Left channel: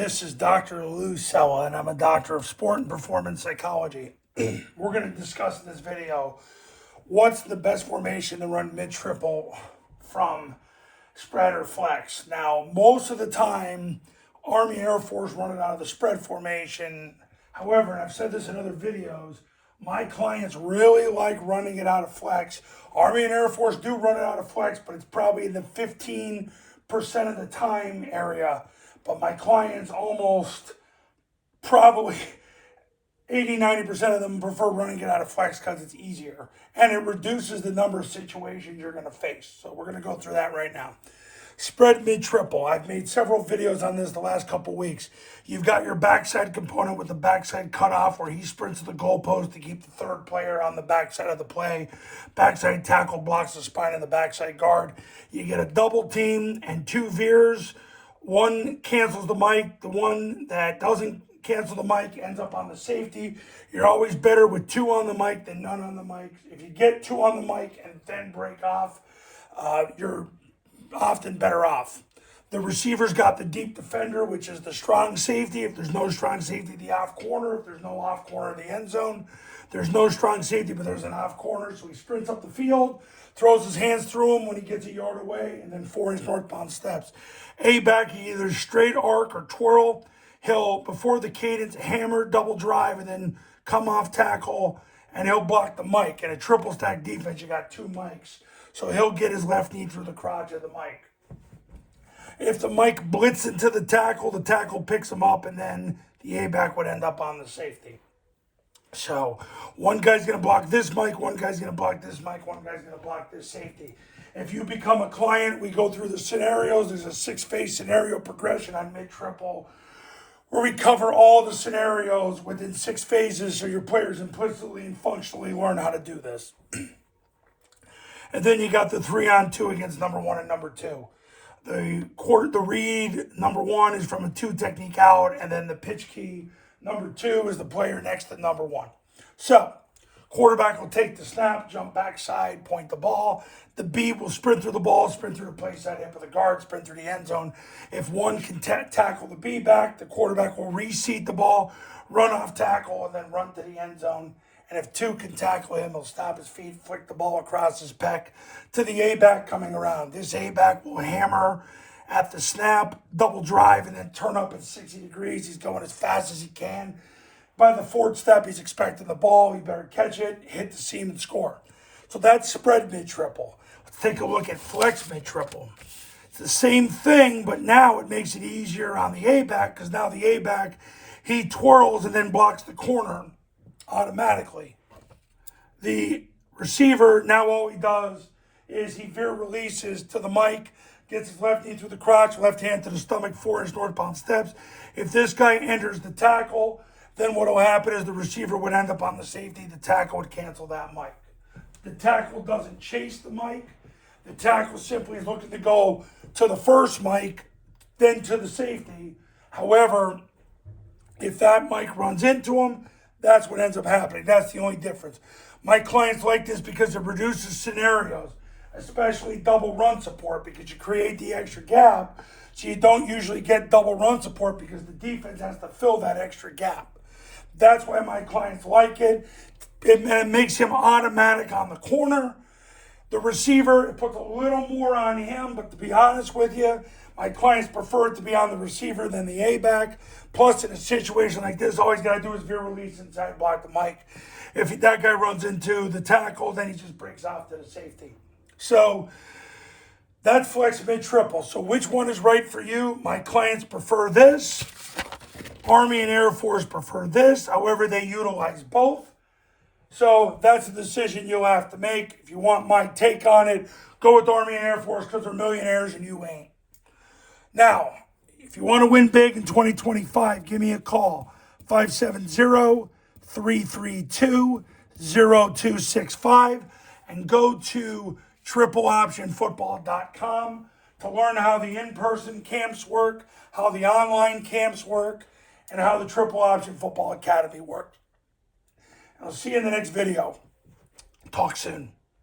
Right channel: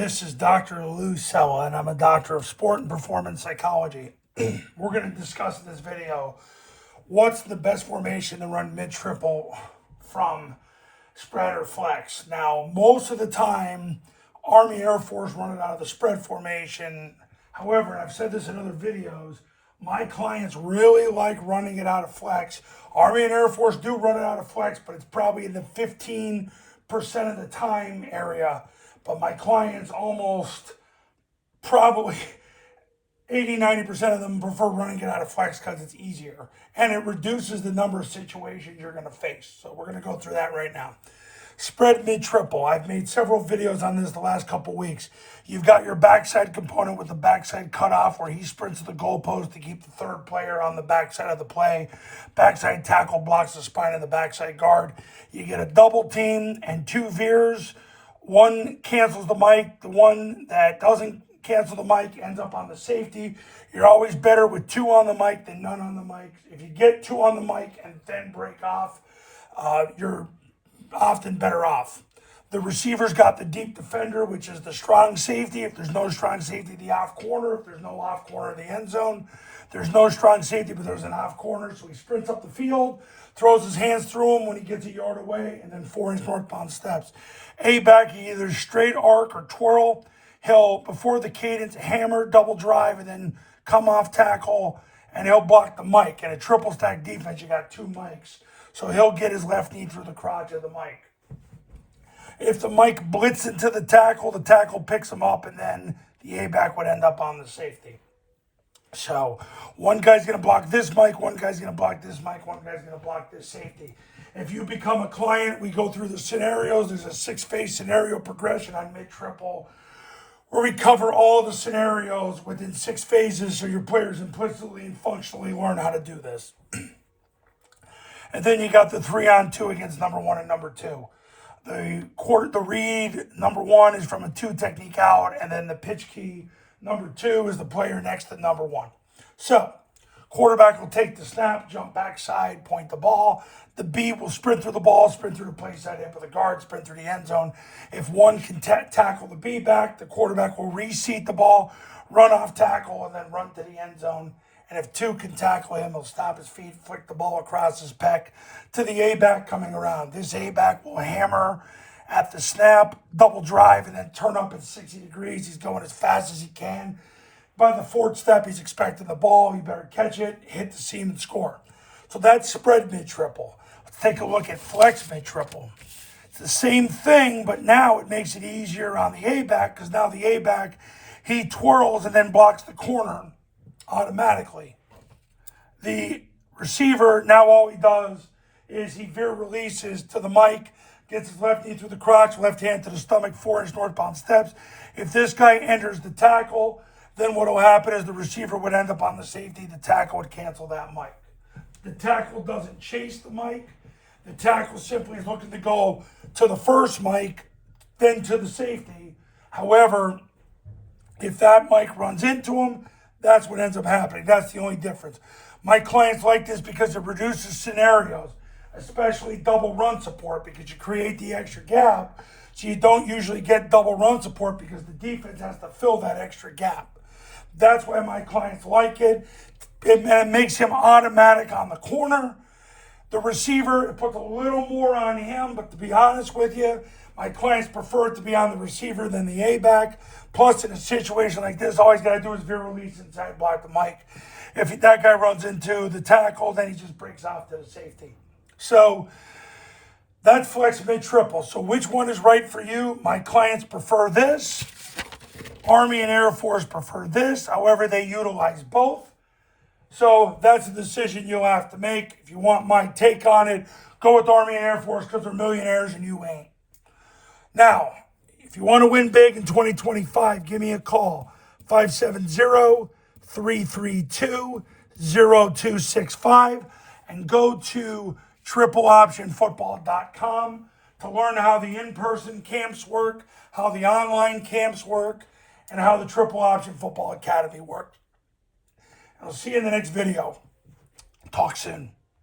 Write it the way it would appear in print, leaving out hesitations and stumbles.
This is Dr. Lou Sella, and I'm a doctor of sport and performance psychology. We're going to discuss in this video what's the best formation to run mid-triple from spread or flex. Now, most of the time, Army Air Force run it out of the spread formation. However, and I've said this in other videos, my clients really like running it out of flex. Army and Air Force do run it out of flex, but it's probably in the 15% of the time area. But my clients almost probably 80-90% of them prefer running it out of flex because it's easier and it reduces the number of situations you're going to face. So we're going to go through that right now. Spread mid-triple. I've made several videos on this the last couple weeks. You've got your backside component with the backside cutoff where he sprints to the goalpost to keep the third player on the backside of the play. Backside tackle blocks the spine of the backside guard. You get a double team and two veers. One cancels the mic. The one that doesn't cancel the mic ends up on the safety. You're always better with two on the mic than none on the mic. If you get two on the mic and then break off, you're often better off. The receiver's got the deep defender, which is the strong safety. If there's no strong safety, the off corner. If there's no off corner in the end zone, there's no strong safety, but there's an off corner. So he sprints up the field, throws his hands through him when he gets a yard away, and then 4-inch northbound steps. A-back, he either straight arc or twirl. He'll, before the cadence, hammer, double drive, and then come off tackle, and he'll block the mic. In a triple stack defense, you got two mics. So he'll get his left knee through the crotch of the mic. If the mic blitz into the tackle picks him up, and then the A-back would end up on the safety. So one guy's going to block this mic, one guy's going to block this mic, one guy's going to block this safety. If you become a client, we go through the scenarios. There's a 6-phase scenario progression on mid-triple where we cover all the scenarios within 6 phases so your players implicitly and functionally learn how to do this. And then you got the 3-on-2 against number 1 and number 2. The read, number 1 is from a 2 technique out, and then the pitch key, number 2 is the player next to number 1. So, quarterback will take the snap, jump backside, point the ball. The B will sprint through the ball, sprint through the play side, hip of the guard, sprint through the end zone. If one can tackle the B back, the quarterback will reseat the ball, run off tackle, and then run to the end zone. And if 2 can tackle him, he'll stop his feet, flick the ball across his pec to the A-back coming around. This A-back will hammer at the snap, double drive, and then turn up at 60 degrees. He's going as fast as he can. By the 4th step, he's expecting the ball. He better catch it, hit the seam, and score. So that's spread mid-triple. Let's take a look at flex mid-triple. It's the same thing, but now it makes it easier on the A-back because now the A-back, he twirls and then blocks the corner automatically. The receiver, now all he does is he veer releases to the mic, gets his left knee through the crotch, left hand to the stomach, 4-inch northbound steps. If this guy enters the tackle, then what will happen is the receiver would end up on the safety. The tackle would cancel that mic. The tackle doesn't chase the mic. The tackle simply is looking to go to the first mic, then to the safety. However, if that mic runs into him, that's what ends up happening. That's the only difference. My clients like this because it reduces scenarios, especially double run support, because you create the extra gap. So you don't usually get double run support because the defense has to fill that extra gap. That's why my clients like it. It makes him automatic on the corner. The receiver, it puts a little more on him, but to be honest with you, my clients prefer it to be on the receiver than the A-back. Plus, in a situation like this, all he's got to do is veer release inside, block the mic. If that guy runs into the tackle, then he just breaks off to the safety. So that's flex mid-triple. So which one is right for you? My clients prefer this. Army and Air Force prefer this. However, they utilize both. So that's a decision you'll have to make. If you want my take on it, go with Army and Air Force because they're millionaires and you ain't. Now, if you want to win big in 2025, give me a call, 570-332-0265, and go to tripleoptionfootball.com to learn how the in-person camps work, how the online camps work, and how the Triple Option Football Academy works. I'll see you in the next video. Talk soon.